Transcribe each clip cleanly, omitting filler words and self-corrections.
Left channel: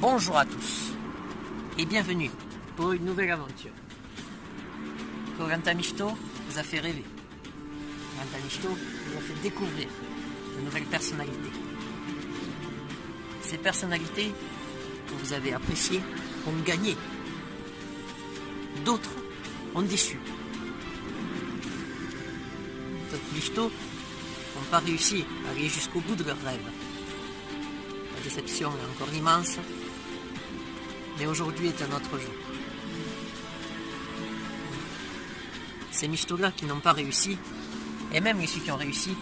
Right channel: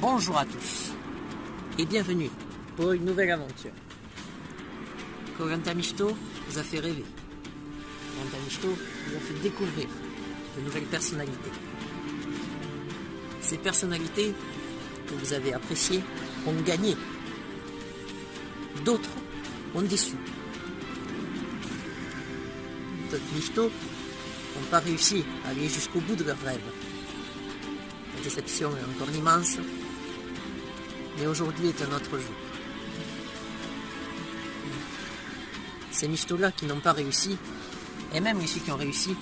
Bonjour à tous et bienvenue pour une nouvelle aventure. Koh-Lanta Mishito vous a fait rêver. Koh-Lanta Mishito vous a fait découvrir de nouvelles personnalités. Ces personnalités que vous avez appréciées ont gagné. D'autres ont déçu. D'autres Mishito n'ont pas réussi à aller jusqu'au bout de leurs rêves. La déception est encore immense, mais aujourd'hui est un autre jour. Ces Mishito-là qui n'ont pas réussi, et même ceux qui ont réussi,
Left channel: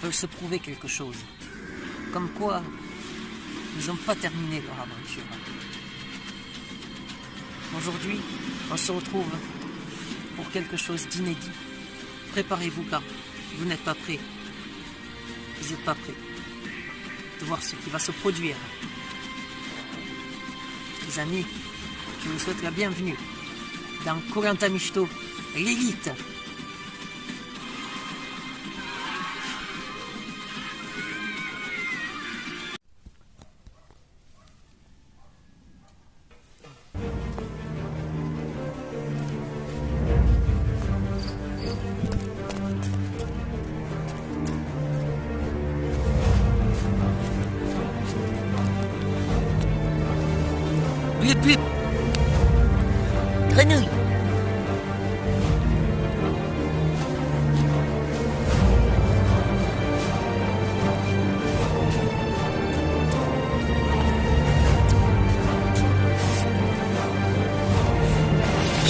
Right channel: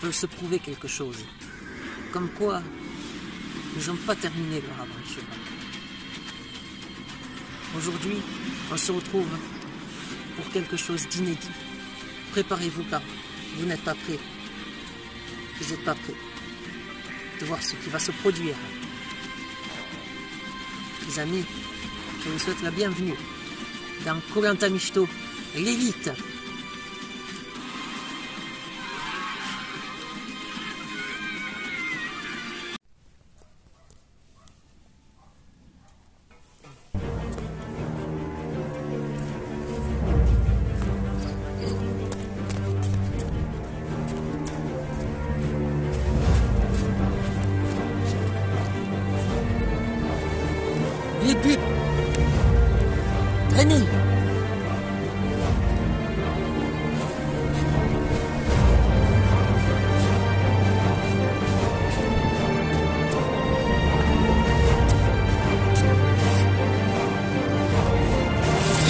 veulent se prouver quelque chose. Comme quoi, ils n'ont pas terminé leur aventure. Aujourd'hui, on se retrouve pour quelque chose d'inédit. Préparez-vous car vous n'êtes pas prêts. Vous n'êtes pas prêts de voir ce qui va se produire. Les amis, je vous souhaite la bienvenue dans Koh-Lanta Mishito, l'élite. Blip blip. Grenouille.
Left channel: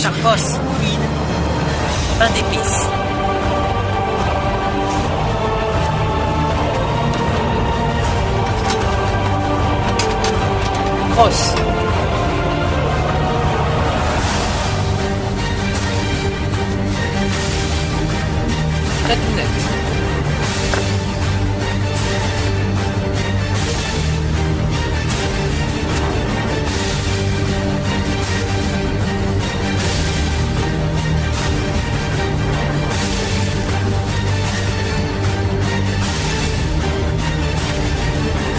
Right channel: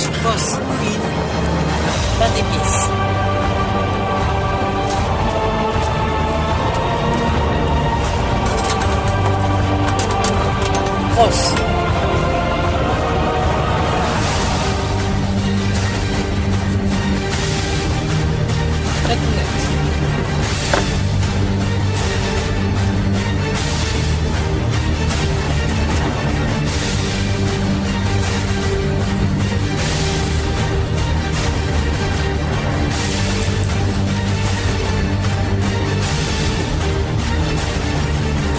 Charcos. Pain d'épices. Crosse. Très tout net.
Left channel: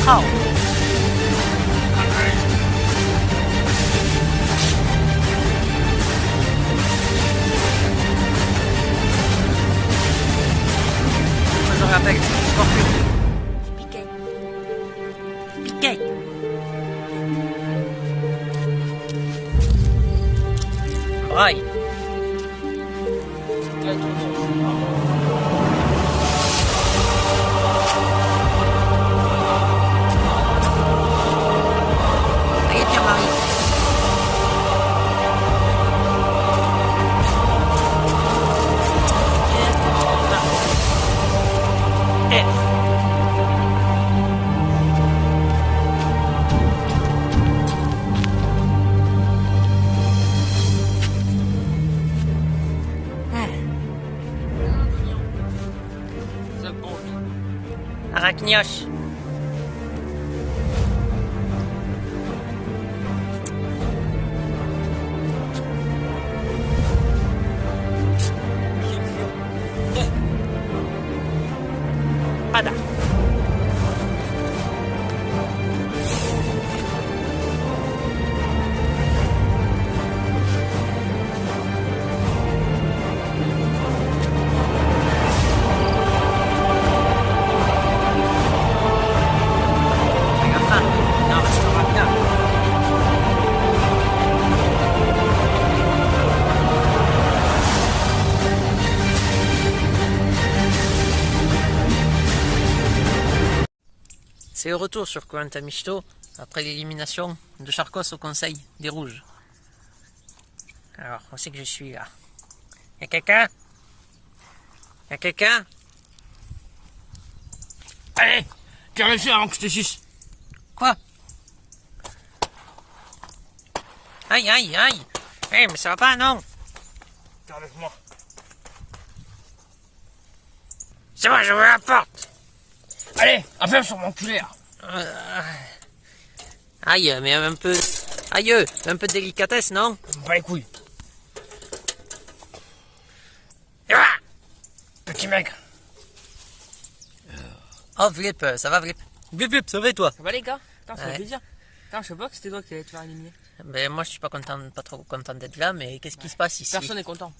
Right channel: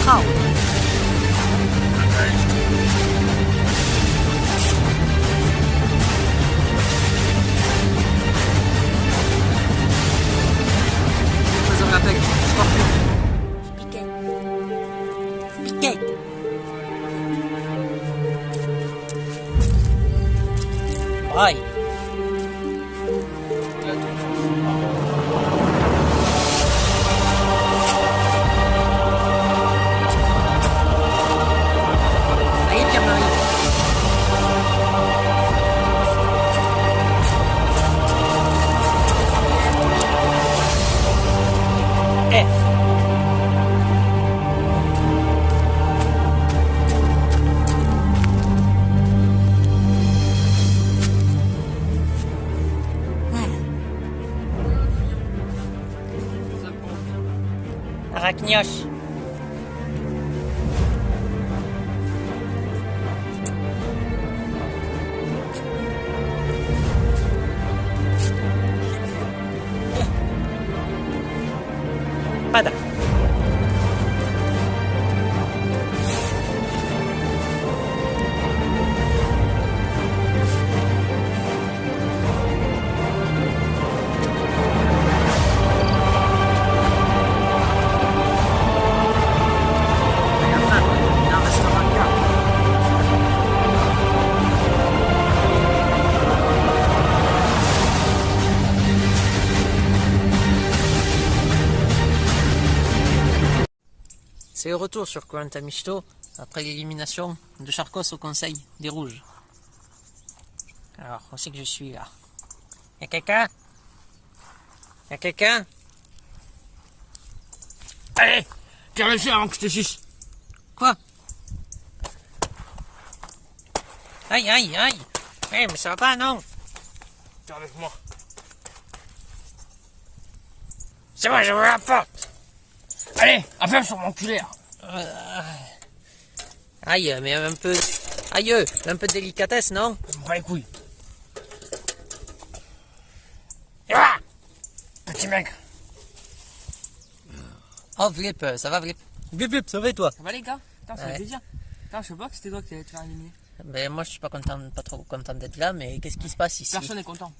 Trao. Je rappelle, scorpion. Piquet. Piquet. Braille. Et Pierre-Marie. F. Arachnios. Pada. C'est le retour sur Koh-Lanta Mishito après l'élimination de Charcos au conseil des rouges. Alors, on sait que je suis là. Y'a quelqu'un? Y'a quelqu'un? Allez, tiens le chien avant que je te suce. Quoi? Aïe, aïe, aïe! Eh, mais ça va pas, non? Tiens avec moi. C'est bon, je vous la porte! Allez, affaire sur mon culé là. Aïe, mais un peu... Aïe, un peu de délicatesse, non? Pas les couilles. Ah, Petit mec. oh, Vlip, ça va, Vlip? Vlip, ça va et toi? Ça va les gars? Putain, ça fait Ouais. plaisir. Quand je sais pas que c'était toi qui allais te faire éliminer. Ben, moi, je suis pas trop content d'être là, mais qu'est-ce qui se passe ici? Personne n'est content.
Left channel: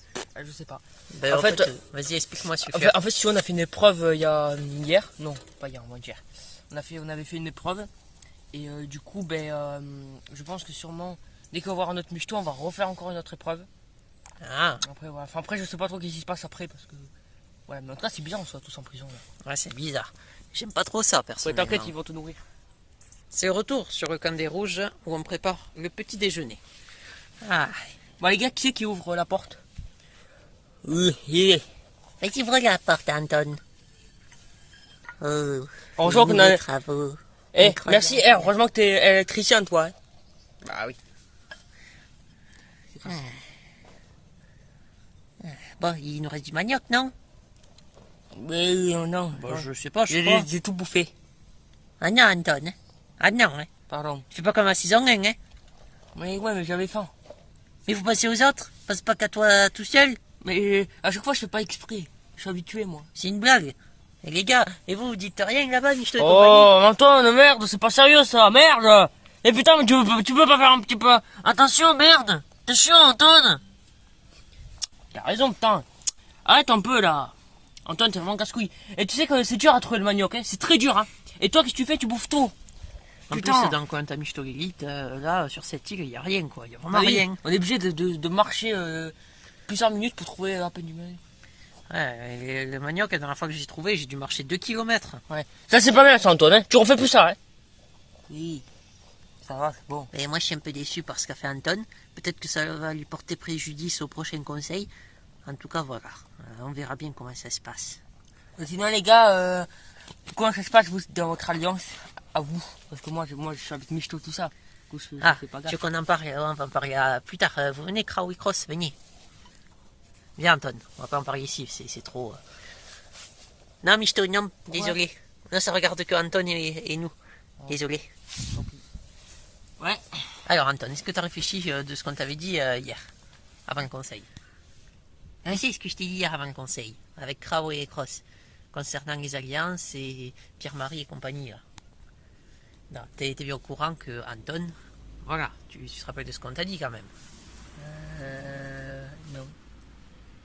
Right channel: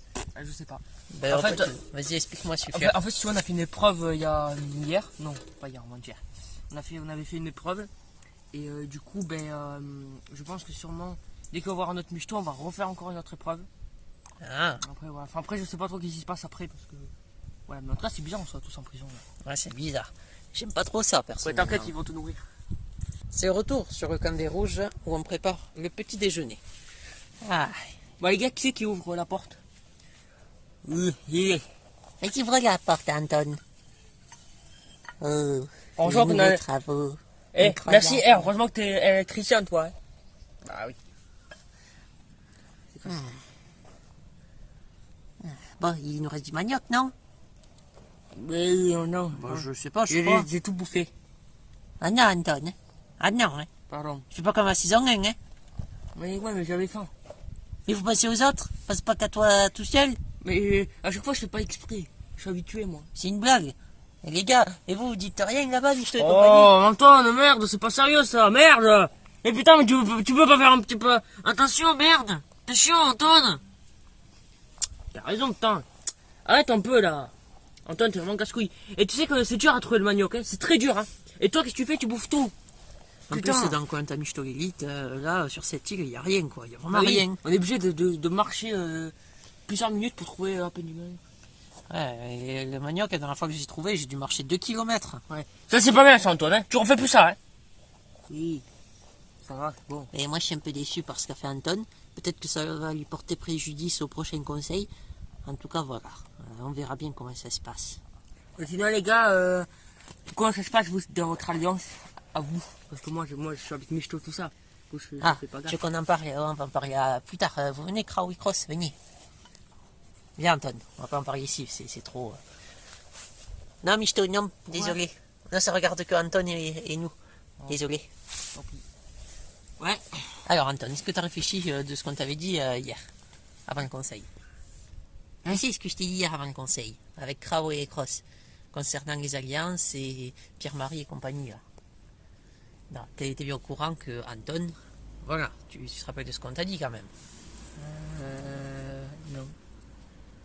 Je sais pas. Ben, En en fait, fait, vas-y, explique-moi ce que En fait, si on a fait une épreuve hier. Non, pas hier, moins hier. On avait fait une épreuve. Et du coup, je pense que sûrement, dès qu'on va voir notre michto, on va refaire encore une autre épreuve. Ah, Après, voilà. Enfin, après, je sais pas trop ce qui se passe après parce que. Ouais, mais en tout cas, c'est bizarre, on soit tous en prison. Là. ouais, c'est bizarre. J'aime pas trop ça, Ouais, personnellement. t'inquiète, ils vont tout nourrir. C'est le retour sur le camp des Rouges où on prépare le petit déjeuner. Ah, Bon, les gars, qui c'est qui ouvre la porte? Oui. et qui ouvre la porte, Anton? Oh, Heureusement qu'on a. travaux. Eh, Incroyable. merci, heureusement que t'es électricien, toi. Hein. Bah oui. Bon, il nous reste du manioc, non? Mais non. Bon, je sais pas, je crois. J'ai tout bouffé. Ah non, Anton. Ah non, hein. Pardon. Fais pas comme à 6 ans, hein. Mais ouais, mais j'avais faim. Mais vous passez aux autres, passe pas qu'à toi tout seul. Mais à chaque fois, je fais pas exprès. Je suis habitué, moi. C'est une blague. Et les gars, et vous dites rien là-bas, Michto et Oh, compagnie? Antoine, merde, c'est pas sérieux ça, merde. Eh putain, mais tu peux pas faire un petit peu. Attention, merde. T'es chiant, Antoine. T'as raison, putain. Arrête un peu là. Antoine, t'es vraiment casse-couille. Et tu sais que c'est dur à trouver le manioc, hein. C'est très dur, hein. Et toi, qu'est-ce que tu fais? Tu bouffes tout. En Putain. plus, dans le coin de Michto l'élite, là, sur cette île, il y a rien, quoi. Il y a vraiment Ah oui, rien. On est obligé de marcher plusieurs minutes pour trouver un peu du manioc. Ouais, et le manioc, la dernière fois que j'ai trouvé, j'ai dû marcher 2 kilomètres. Ouais. Ça, c'est pas bien, ça, Antoine, hein. Tu refais plus ça, hein. Oui. Ça va, c'est bon. Et moi, je suis un peu déçu par ce qu'a fait Anton. Peut-être que ça va lui porter préjudice au prochain conseil. En tout cas, voilà. On verra bien comment ça se passe. Et sinon, les gars, comment ça se passe, vous, dans votre alliance, à vous? Parce que moi, je suis avec Michto, tout ça. Du coup, je Ah, fais pas tu gaffe. veux qu'on en parle? On va en parler plus tard. Vous venez, Kraoui Cross, venez. Viens, Anton. On va pas en parler ici, c'est trop... Non, Michto, non, désolé. Non, ça regarde que Anton et nous. Désolé. Ouais. Alors, Anton, est-ce que tu as réfléchi de ce qu'on t'avait dit hier, avant le conseil? Ah, c'est ce que je t'ai dit hier avant le conseil, avec Kraoui et Cross, concernant les alliances et Pierre-Marie et compagnie, là. Non, t'es bien au courant que Anton, voilà, tu te rappelles de ce qu'on t'a dit quand même. Non.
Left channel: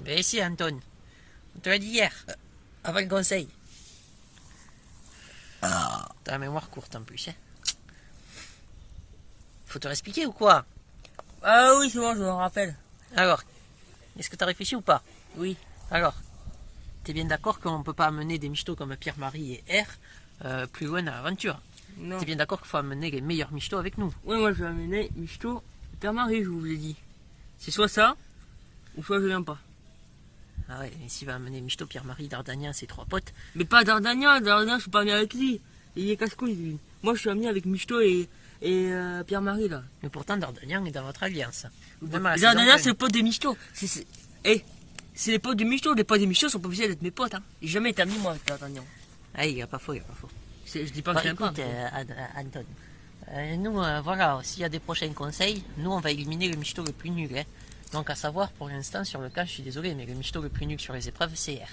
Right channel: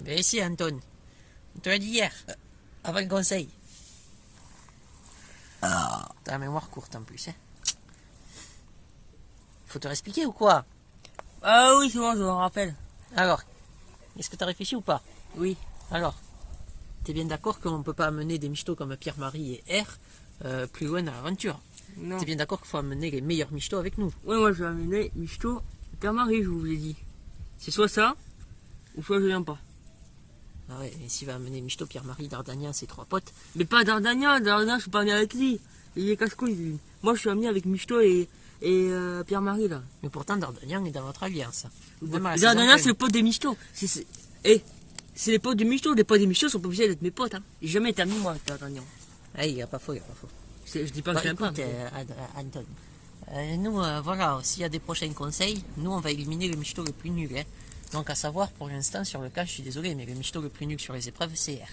Ben si, Anton, on te l'a dit hier, avant le conseil. T'as la mémoire courte en plus, hein. Faut te l'expliquer ou quoi? Ah oui, c'est bon, je me rappelle. Alors, est-ce que t'as réfléchi ou pas? Oui. Alors, t'es bien d'accord qu'on peut pas amener des michtos comme Pierre-Marie et R plus loin dans l'aventure? Non. T'es bien d'accord qu'il faut amener les meilleurs michtos avec nous? Ouais, moi, je vais amener Michto, Pierre-Marie, je vous l'ai dit. C'est soit ça, ou soit je viens pas. Ah ouais, et s'il va amener Michto, Pierre-Marie, Dardania, ses 3 potes, Mais pas Dardania, je suis pas venu avec lui. Il est casse-couille, lui. Moi, je suis amené avec Michto et Pierre-Marie, là. mais pourtant Dardania est dans votre alliance. Même à la saison Dardania, pleine. c'est le pote de Michto. C'est les potes de Michto. Les potes de Michto sont pas obligés d'être mes potes, hein. J'ai jamais été ami, moi, avec Dardania. Ah, il a pas faux, il a pas faux. Je dis pas Bon, que j'aime pas. écoute, Anton, nous, voilà, s'il y a des prochains conseils, nous, on va éliminer le michto le plus nul. Hein. Donc, à savoir, pour l'instant, sur le cas, je suis désolé, mais le michto le plus nul sur les épreuves, c'est R.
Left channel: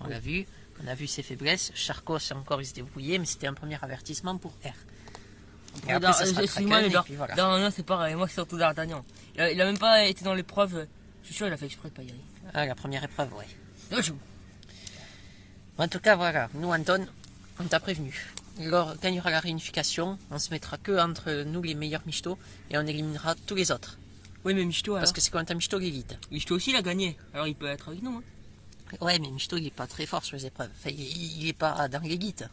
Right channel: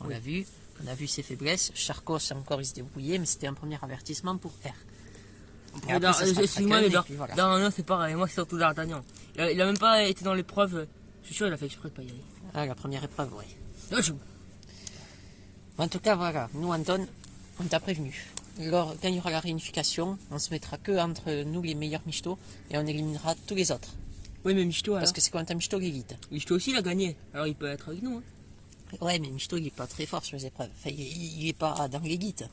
On l'a vu, on a vu ses faiblesses. Charcos, encore, il se débrouillait, mais c'était un premier avertissement pour R. Et après, ça sera Excuse-moi, Kraken, mais et puis voilà. Dardania, c'est pareil. Moi, c'est surtout Dardania. Il a même pas été dans l'épreuve. Je suis sûr, il a fait exprès de pas y aller. Ah, la première épreuve, ouais. Ouais, je- En tout cas, voilà, nous, Anton, on t'a prévenu. Quand il y aura la réunification, on se mettra que entre nous les meilleurs michtos et on éliminera tous les autres. Oui, mais Michto, alors. Parce que c'est quand un michto l'élite. Michto aussi, il a gagné. Alors, il peut être avec nous, hein. Ouais, mais Michto, il est pas très fort sur les épreuves. Enfin, il est pas dans l'élite.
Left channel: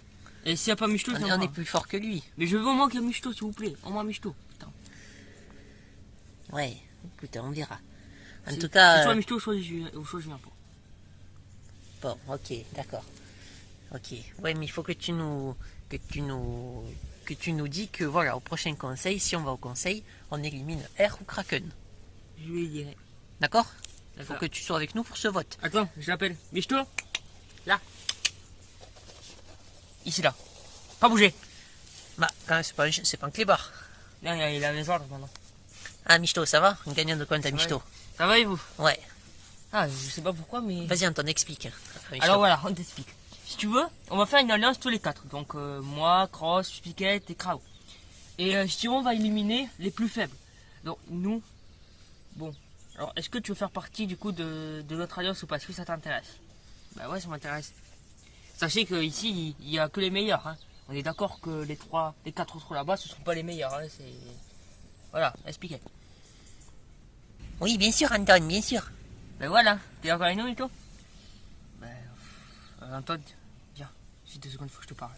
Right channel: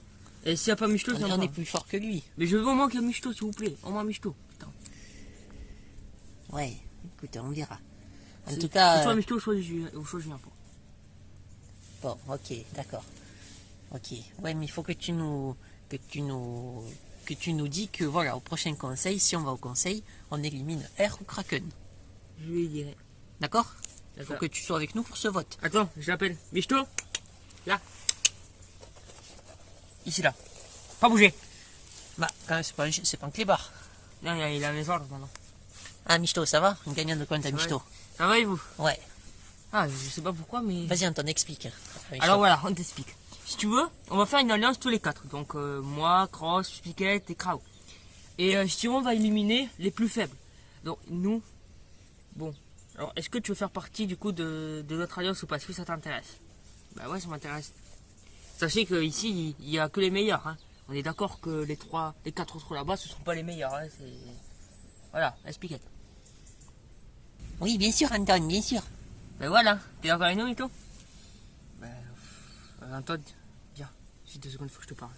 Et s'il n'y a pas Michto, c'est On est plus fort que lui. Mais je veux au moins qu'il y ait Michto, s'il vous plaît. Au moins Michto. Putain. Ouais, écoute, on verra. En C'est- tout cas, c'est soit Michto, soit je viens pas. bon, ok, d'accord. Ok. Ouais, mais il faut que tu nous dis que voilà, au prochain conseil, si on va au conseil, on élimine R ou Kraken. Je lui dirai. D'accord? Il faut D'accord. que tu sois avec nous pour ce vote. Attends, je l'appelle. Michto. Là. Ici, là. Pas bouger. Bah, quand même, c'est pas un clébard. Là, il a mes ordres maintenant. Ah, Michto, ça va? Un gagnant de compte à Michto. Ça va et vous? Ouais. Ah, je sais pas pourquoi, mais. Vas-y, Anton, explique. Michto. Alors voilà, on t'explique. Si tu veux, on va faire une alliance tous les 4. Donc moi, Cross, Piquet et Krao. Et Simon va éliminer les plus faibles. Donc nous, bon. Alors est-ce que tu veux faire partie du coup de notre alliance ou pas? Est-ce que ça t'intéresse? Bah ouais, ça m'intéresse. Sachez qu'ici, il n'y a que les meilleurs. Hein. On est d'accord que les 4 autres là-bas, ce ne sont pas les meilleurs. Hein. Voilà, expliquez. Oui, bien sûr, Anton, bien sûr. Ben voilà, t'es d'accord avec nous et tout? Ben, Anton, viens, j'ai 2 secondes, il faut que je te parle.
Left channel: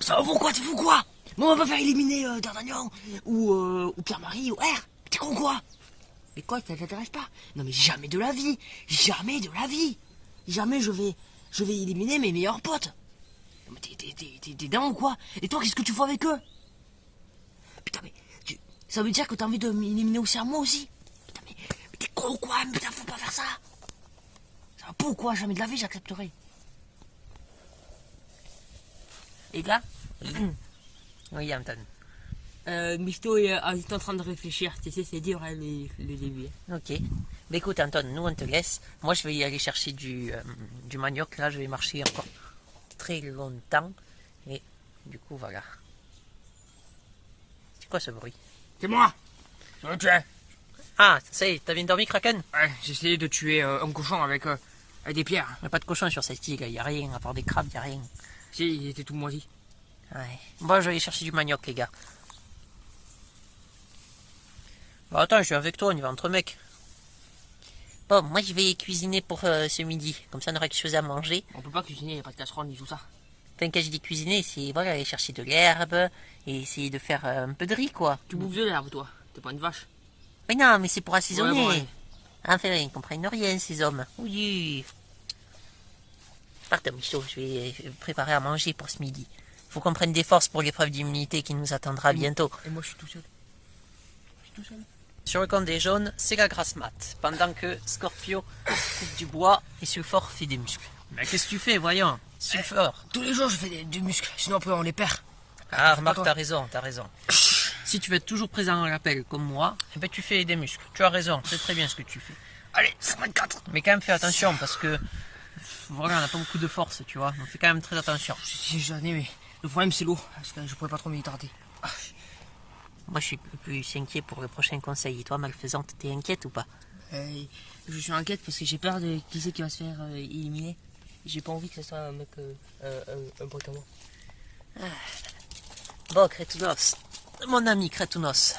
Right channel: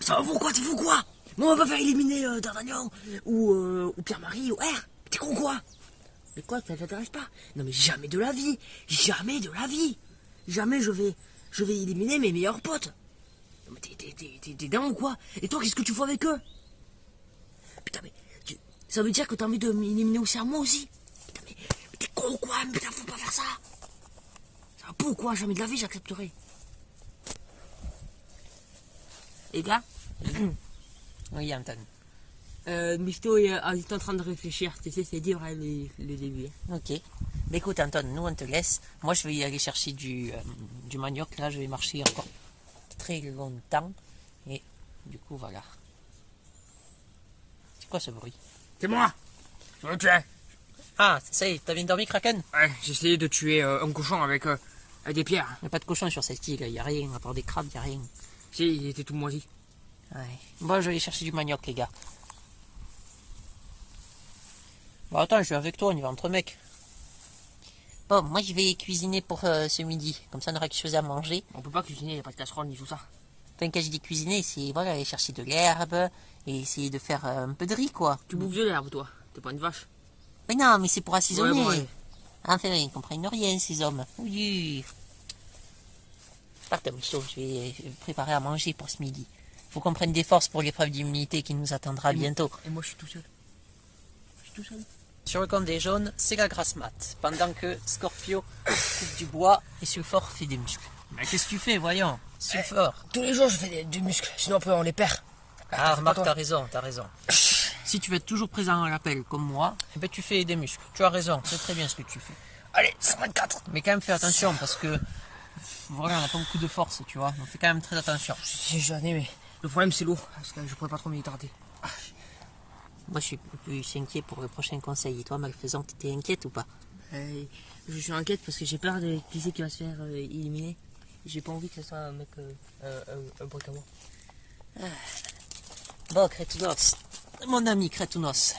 Ça va pourquoi? T'es fou quoi? Mais on va pas faire éliminer D'Artagnan ou Pierre-Marie ou R. T'es con quoi? Mais quoi, ça t'intéresse pas? Non mais jamais de la vie. Jamais de la vie. Jamais je vais éliminer mes meilleurs potes. Non mais t'es dingue ou quoi? Et toi, qu'est-ce que tu fais avec eux? Putain mais, ça veut dire que t'as envie de m'éliminer aussi à moi aussi? Putain mais t'es con ou quoi? Mais putain, faut pas faire ça. Ça va pas ou quoi? Jamais de la vie j'accepterai. Les gars? Oui, Anton. Misto est en train de réfléchir, tu sais, c'est dur hein, les débuts. Ok. Mais écoute, Anton, nous on te laisse. Moi je vais y aller chercher du manioc. Là, je vais marcher encore très longtemps. Et du coup, voilà. C'est quoi ce bruit? C'est moi! Je veux le tuer! Ah, ça y est, t'as bien dormi, Kraken? Ouais, j'ai essayé de tuer un cochon avec des pierres. Il n'y a pas de cochon sur cette île, il n'y a rien, à part des crabes, il n'y a rien. Si, il était tout moisi. Ouais. Bon, je vais aller chercher du manioc, les gars. Bon, attends, je suis avec toi, on y va entre mecs. Bon, moi je vais cuisiner pour ce midi, comme ça on aura quelque chose à manger. On peut pas cuisiner, il n'y a pas de casserole ni tout ça. Enfin, quand je dis cuisiner, c'est voilà, aller chercher de l'herbe et essayer de faire un peu de riz, quoi. Tu bouffes de l'herbe, toi. T'es pas une vache. Mais non, mais c'est pour assaisonner. Ouais, bon, Enfin, ils comprennent rien, ces hommes. Oui. Pardon, Michaud, je vais préparer à manger pour ce midi. Faut qu'on prenne des forces pour l'épreuve d'immunité qui nous attendra bientôt. Et moi, je suis tout seul. Je suis tout seul. Sur le compte des jaunes, c'est la grasse mat. Pendant que Scorpio coupe du bois et Sulfore fait des muscles. Mais qu'est-ce que tu fais, voyons? Sulfore. Tous les jours, je fais du muscle, sinon après on les perd. Ah, remarque, t'as raison, t'as raison. Si tu veux être toujours présent à l'appel comme moi, eh ben, tu fais des muscles. Tu as raison, c'est très bien ce que tu fais. Allez, 54. Mais quand même, fais attention parce que voilà, on n'a pas beaucoup de force, tu vois. On fait quand même très attention. Si j'en ai, mais le problème c'est l'eau, parce que je pourrais pas trop m'hydrater. Moi, je suis plus inquiet pour le prochain conseil. Et toi, malfaisante, t'es inquiète ou pas? Je suis inquiète parce que j'ai peur de qui c'est qui va se faire éliminer. J'ai pas envie que ce soit un mec, un pote à moi. Bon, Crétounos, mon ami Crétounos.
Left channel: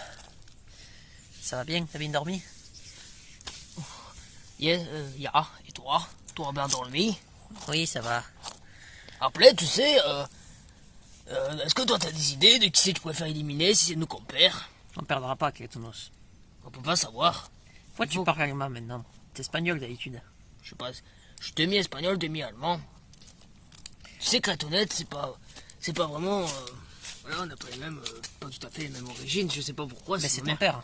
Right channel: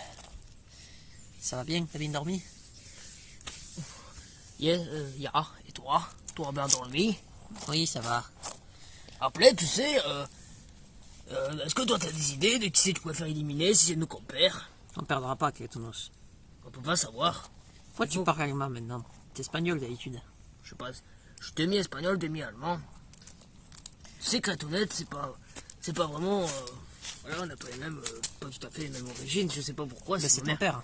Ça va bien? T'as bien dormi? Yeah, et toi? Toi bien dormi? Oui, ça va. Après, tu sais, est-ce que toi t'as des idées de qui c'est que tu pourrais faire éliminer si c'est nous qu'on perd? On perdra pas, Crétounos. On peut pas savoir. Pourquoi tu parles allemand maintenant? T'es espagnol d'habitude. Je sais pas, je suis demi-espagnol, demi-allemand. Tu sais, Crétounette, c'est pas vraiment... voilà, on n'a pas les mêmes, pas tout à fait les mêmes origines, je sais pas pourquoi. Mais c'est ma ton mère. père.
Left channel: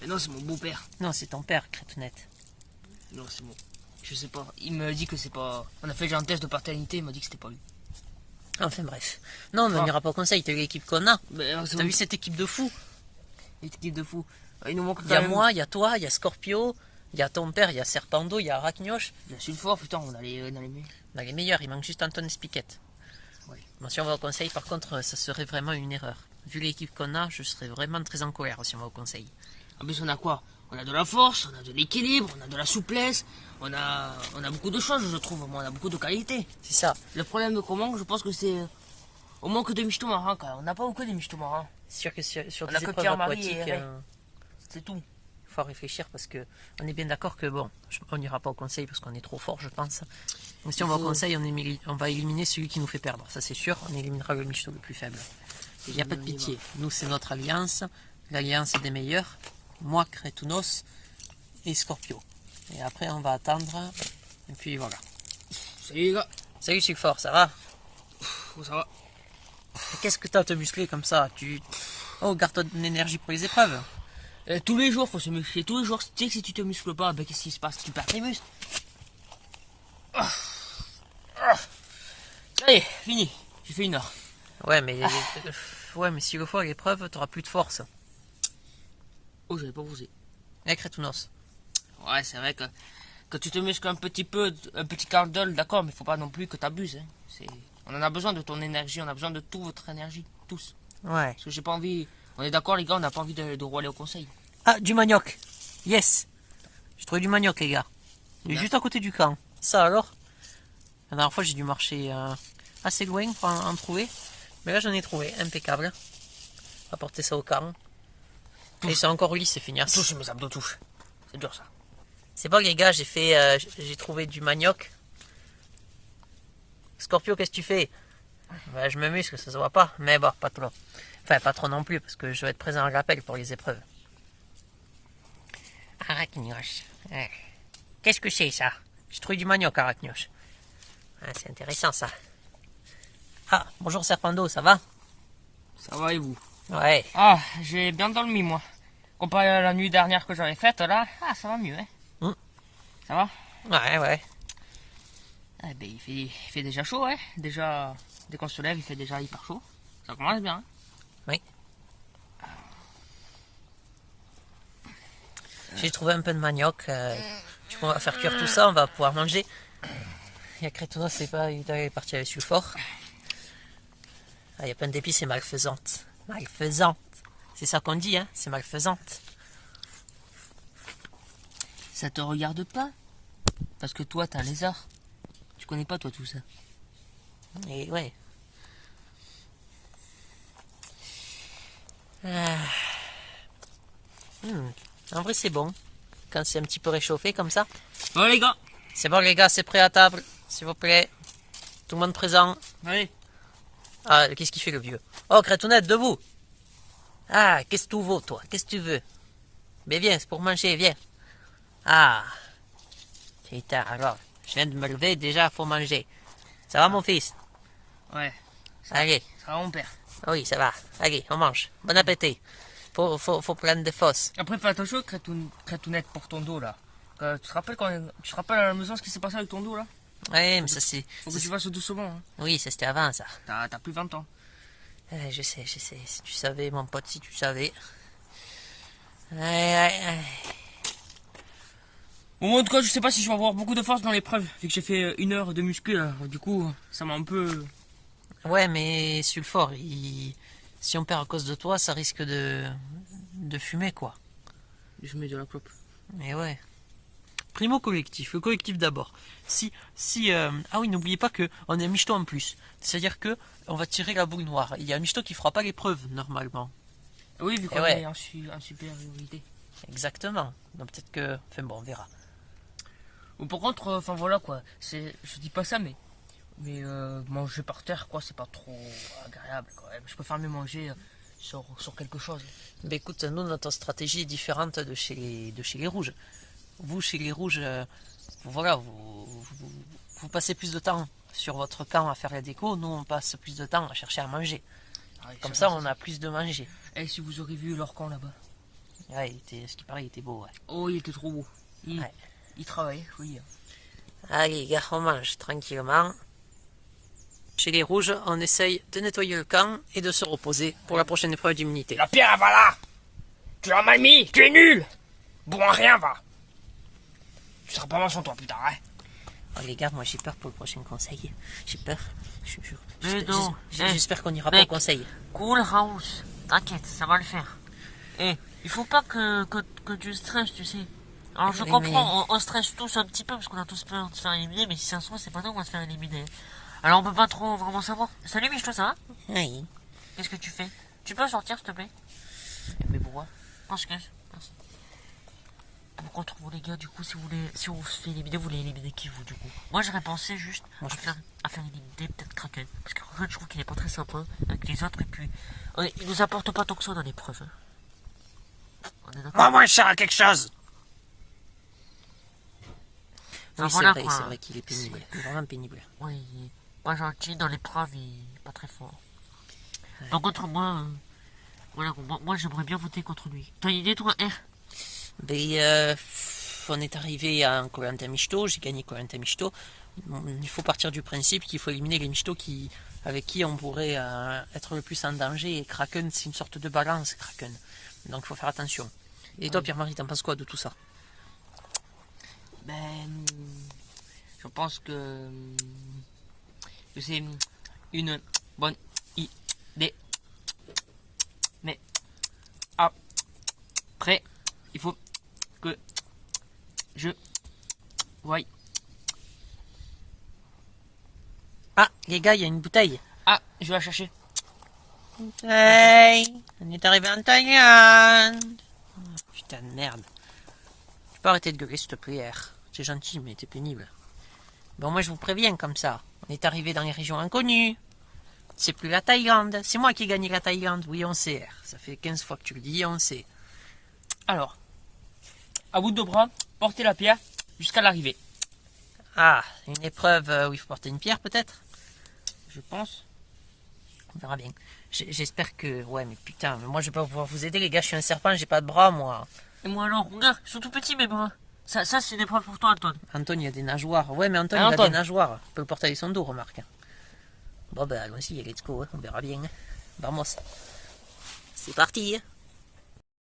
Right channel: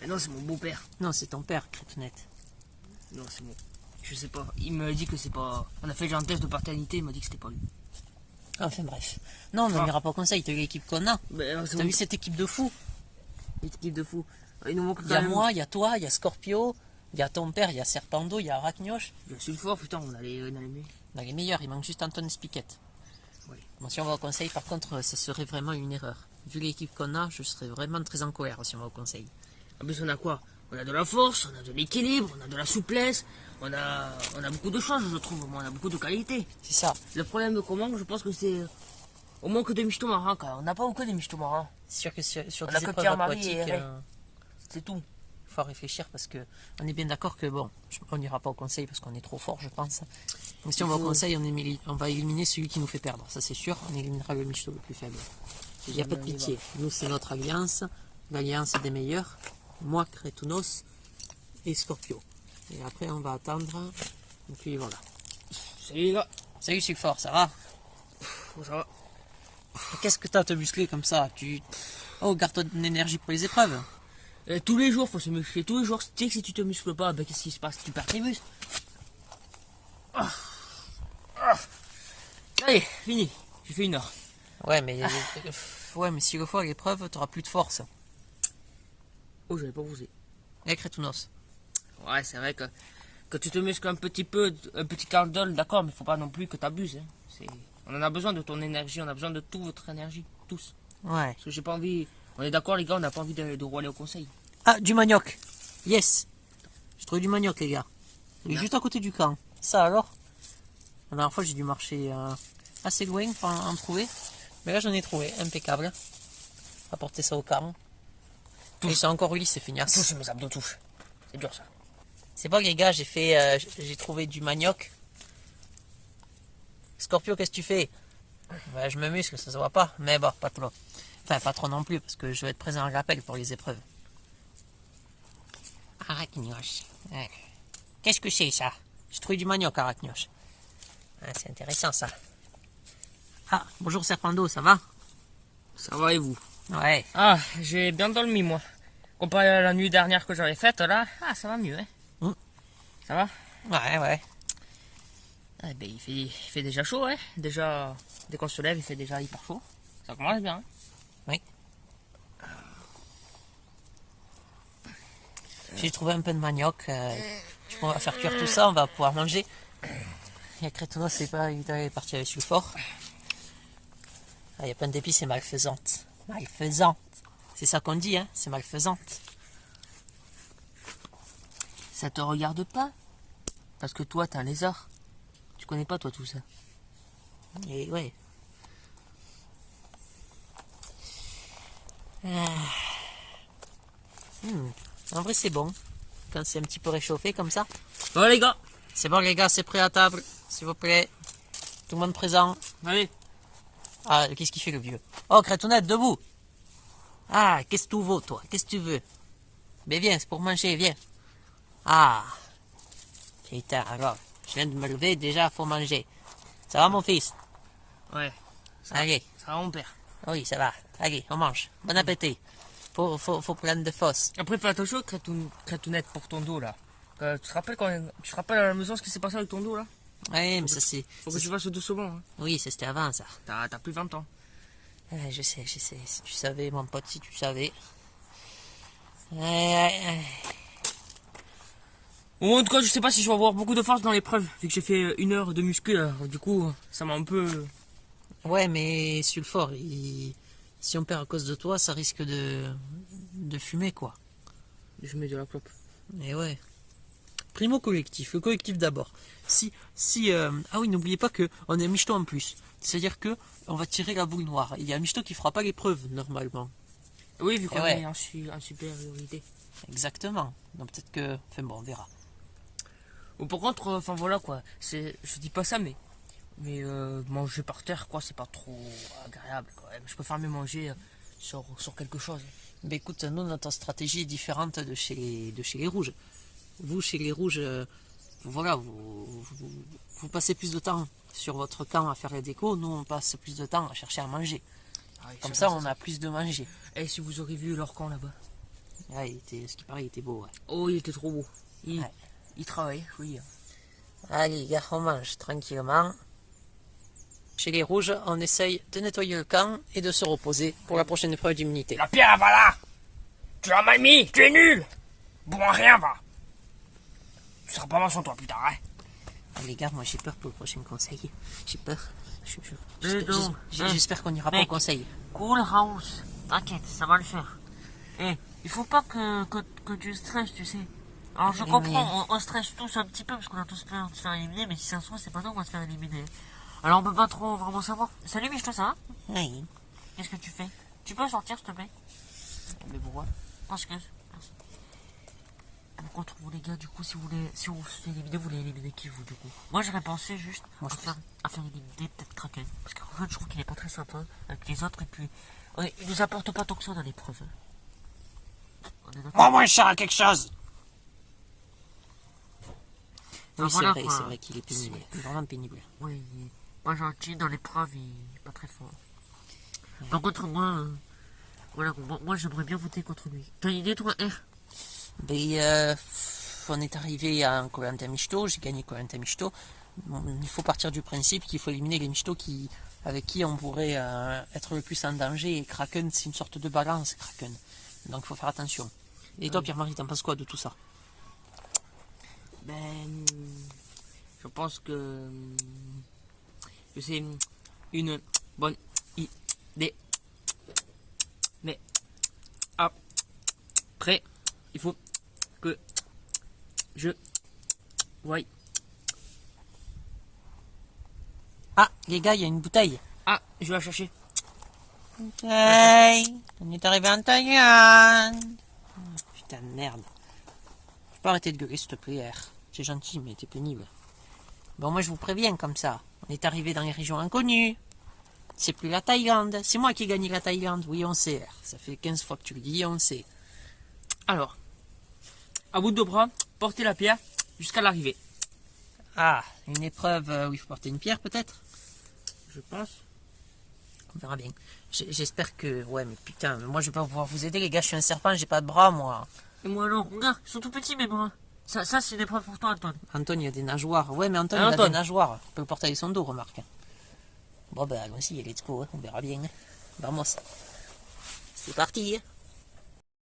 Mais non, c'est mon beau-père. Non, c'est ton père, Crétounette. Non, c'est bon. Je sais pas. Il me dit que c'est pas... On a fait un test de paternité, il m'a dit que c'était pas lui. Enfin bref. Non, on n'ira pas au conseil, t'as vu l'équipe qu'on a. T'as T'as vu cette équipe de fous? l'équipe de fou. Il nous manque Il y a moi, il y a toi, il y a Scorpio, il y a ton père, il y a Serpando, il y a Arachnoche. Il y a Sulfore, putain, on a les mieux. On a les meilleurs, il manque juste Anton Spiquette. Ouais. Bon, si on va au conseil, par contre, ça serait vraiment une erreur. Vu l'équipe qu'on a, je serais vraiment très en colère si on va au conseil. En plus, on a quoi? On a de la force, on a de l'équilibre, on a de la souplesse, on a beaucoup de choses, je trouve. On a beaucoup de qualités. C'est ça. Le problème de comment, je pense que c'est au manque de michto marins, quand même. On n'a pas beaucoup de michto marins. C'est sûr que sur On a des que épreuves Pierre-Marie aquatiques, et c'est tout. il faut réfléchir parce que on est bien d'accord que bon, on n'ira pas au conseil parce qu'on est trop fort, je pense. Donc si on va au conseil, on va éliminer celui qui nous fait perdre, ça c'est sûr. On éliminera le michto le plus faible. Il n'y a pas de pitié. Nous, c'est notre alliance, l'alliance des meilleurs. Moi, Crétounos et Scorpio. Et après, on va attendre. Et puis voilà. Salut les gars. Salut Sulfort, ça va? Ça va? Qu'est-ce que t'as à te muscler comme ça? Oh, garde ton énergie pour les épreuves. Tous les jours, faut se muscler. Tous les jours, tu sais que si tu te muscles pas, ben, qu'est-ce qui se passe? Tu perds tes muscles. Allez, fini. J'ai fait 1 heure. Ouais, mais si le fois à l'épreuve, t'auras plus de force. Oh, j'avais pas posé. Eh, Crétounos. Ouais, c'est vrai que tu te muscles un petit peu, un petit quart d'heure, d'accord, mais faut pas non plus que t'abuses. Hein. On en a besoin de ton énergie, on a besoin de toute votre énergie, tous. Ouais. Parce que j'ai pas envie... On est d'accord les gars, on n'a pas envie de rouler au conseil. Ah, du manioc. Yes. J'ai trouvé du manioc, les gars. Il est juste à côté du camp. Ça alors? La dernière fois, j'ai dû marcher assez loin pour en trouver. Mais là, j'en ai trouvé. Impeccable. Apporter ça au camp. Et c'est encore lisse, c'est feignasse. Touche mes abdos, touche. C'est dur ça. C'est bon, les gars, j'ai trouvé du manioc. Scorpio, qu'est-ce que tu fais? Bah, je me muscle, ça se voit pas. Mais bon, pas trop. Enfin, pas trop non plus, parce que je vais être présent à l'appel pour les épreuves. Arachnios. Ouais. Qu'est-ce que c'est ça? J'ai trouvé du manioc, Arachnios. Ah, c'est intéressant ça. Ah, bonjour Serpando, ça va? Ça va et vous? Ouais. Ah, j'ai bien dormi moi. Comparé à la nuit dernière que j'avais faite là, ah ça va mieux hein. Ça va? Ouais, ouais. Ah ben il fait déjà chaud hein. Déjà, dès qu'on se lève il fait déjà hyper chaud. Ça commence bien hein. Oui. J'ai trouvé un peu de manioc. Du coup, on va faire cuire tout ça, on va pouvoir manger. Il y a Crétono, c'est pas, il est parti avec sulfore. Ah, il y a plein d'épices, c'est malfaisante. Malfaisante. C'est ça qu'on dit, hein, c'est malfaisante. Ça te regarde pas? Parce que toi t'as un lézard. Tu connais pas toi tout ça. Et ouais. Ah. En vrai, c'est bon. Quand c'est un petit peu réchauffé comme ça. Bon les gars. C'est bon, les gars, c'est prêt à table. S'il vous plaît. Tout le monde présent. Allez. Ah, qu'est-ce qu'il fait le vieux? Oh, Crétounette, debout. Ah, qu'est-ce que tu veux, toi? Qu'est-ce que tu veux? Mais viens, c'est pour manger, viens. Ah. Putain, alors, je viens de me lever, déjà, faut manger. Ça va, mon fils? Ouais. Allez. Ça va mon père. Oui, ça va. Allez, on mange. Bon appétit. Faut prendre des fosses. Après fais attention Crétounette pour ton dos là. Tu te rappelles tu te rappelles à la maison ce qui s'est passé avec ton dos là? Oui, mais ça c'est... Faut que tu fasses doucement hein. Oui, ça c'était avant, ça. T'as plus 20 ans. Je sais. Si tu savais, mon pote, si tu savais. Ouais. Bon, en tout cas, je sais pas si je vais avoir beaucoup de force dans l'épreuve, vu que j'ai fait 1 heure de muscu, alors, du coup, ça m'a un peu... Ouais, mais sulfore, si on perd à cause de toi, ça risque de fumer, quoi. Je mets de la clope. Mais ouais. Primo collectif, le collectif d'abord. Ah oui, n'oubliez pas que on a un michto en plus. C'est-à-dire que on va tirer la boule noire. Il y a un michto qui fera pas l'épreuve, normalement. Oui, vu qu'on ouais. est en supériorité. Exactement. Donc peut-être que... Enfin bon, on verra. Bon, par contre, enfin voilà quoi, je dis pas ça, mais manger par terre, quoi, c'est pas trop agréable, quoi. Je préfère mieux manger sur quelque chose. Ben écoute, nous, notre stratégie est différente de chez les rouges. Vous, chez les rouges, voilà, vous passez plus de temps sur votre camp à faire la déco. Nous, on passe plus de temps à chercher à manger. Ouais, Comme ça, on a plus de manger. Et si vous aurez vu leur camp là-bas? Ouais, ce qui paraît, il était beau, ouais. Oh, il était trop beau. Ouais. Il travaille, oui. Allez, les gars, on mange tranquillement. Chez les rouges, on essaye de nettoyer le camp et de se reposer pour la prochaine épreuve d'immunité. La pierre, va là! Tu l'as mal mis, tu es nul! Bon, rien, va! Tu seras pas mal sans toi plus tard, hein? Oh, les gars, moi j'ai peur pour le prochain conseil. J'ai peur. non. J'espère qu'on n'ira pas au conseil. Cool, House. T'inquiète, ça va le faire. Et il faut pas que tu stresses, tu sais. Alors je Oui, comprends, on stresse tous un petit peu parce qu'on a tous peur de se faire éliminer, mais si ça se trouve, c'est pas nous qu'on va se faire éliminer. Alors on peut pas trop vraiment savoir. Salut Michel, ça va? Oui. Qu'est-ce que tu fais? Tu peux sortir s'il te plaît? Mais pourquoi? Parce que... Par contre, vous les gars, du coup, si on se fait éliminer, vous voulez éliminer qui vous, du coup? Moi, j'aurais pensé juste à faire éliminer peut-être Kraken. Parce que Kraken, je trouve qu'il est pas très sympa avec les autres, et puis... il nous apporte pas tant que ça dans l'épreuve. Hein. On est d'accord? Oh, moi, je quelque chose! Oui, Enfin, c'est vrai qu'il est pénible. Il est vraiment pénible. Oui, il est pas gentil dans l'épreuve, il est pas très fort. Ouais. Par contre, moi, voilà, moi j'aimerais bien voter contre lui. T'as une idée, toi, R? Ben, on est arrivé à un Koh-Lanta Michto, j'ai gagné Koh-Lanta Michto. Il faut partir du principe qu'il faut éliminer les Michto avec qui on pourrait être le plus en danger. Et Kraken, c'est une sorte de balance, Kraken. Donc il faut faire attention. Et toi, Pierre-Marie, t'en penses quoi de tout ça? Ben, je pense que c'est une bonne idée. Mais après, il faut que je voie. Ah, les gars, il y a une bouteille. Ah, je vais la chercher. Hey, on est arrivé en Thaïlande. Putain de merde. Tu peux arrêter de gueuler, s'il te plaît. C'est gentil, mais t'es pénible. Bon, moi, je vous préviens comme ça. On est arrivé dans les régions inconnues. C'est plus la Thaïlande. C'est moi qui ai gagné la Thaïlande. Oui, on sait. Ça fait 15 fois que tu le dis, on sait. Alors, à bout de bras, portez la pierre jusqu'à l'arrivée. Ah, une épreuve où il faut porter une pierre, peut-être? Je pense. On verra bien. J'espère que... Ouais, mais putain, moi, je vais pas pouvoir vous aider, les gars. Je suis un serpent, j'ai pas de bras, moi. Et moi alors, regarde, ils sont tout petits mes bras. Ça c'est une épreuve pour toi, Anton. Anton, il y a des nageoires. Ouais, mais Anton, Ah, il a Anton. des nageoires. On peut le porter avec son dos, remarque. Bon, ben, allons-y, let's go. On verra bien. Vamos. C'est parti.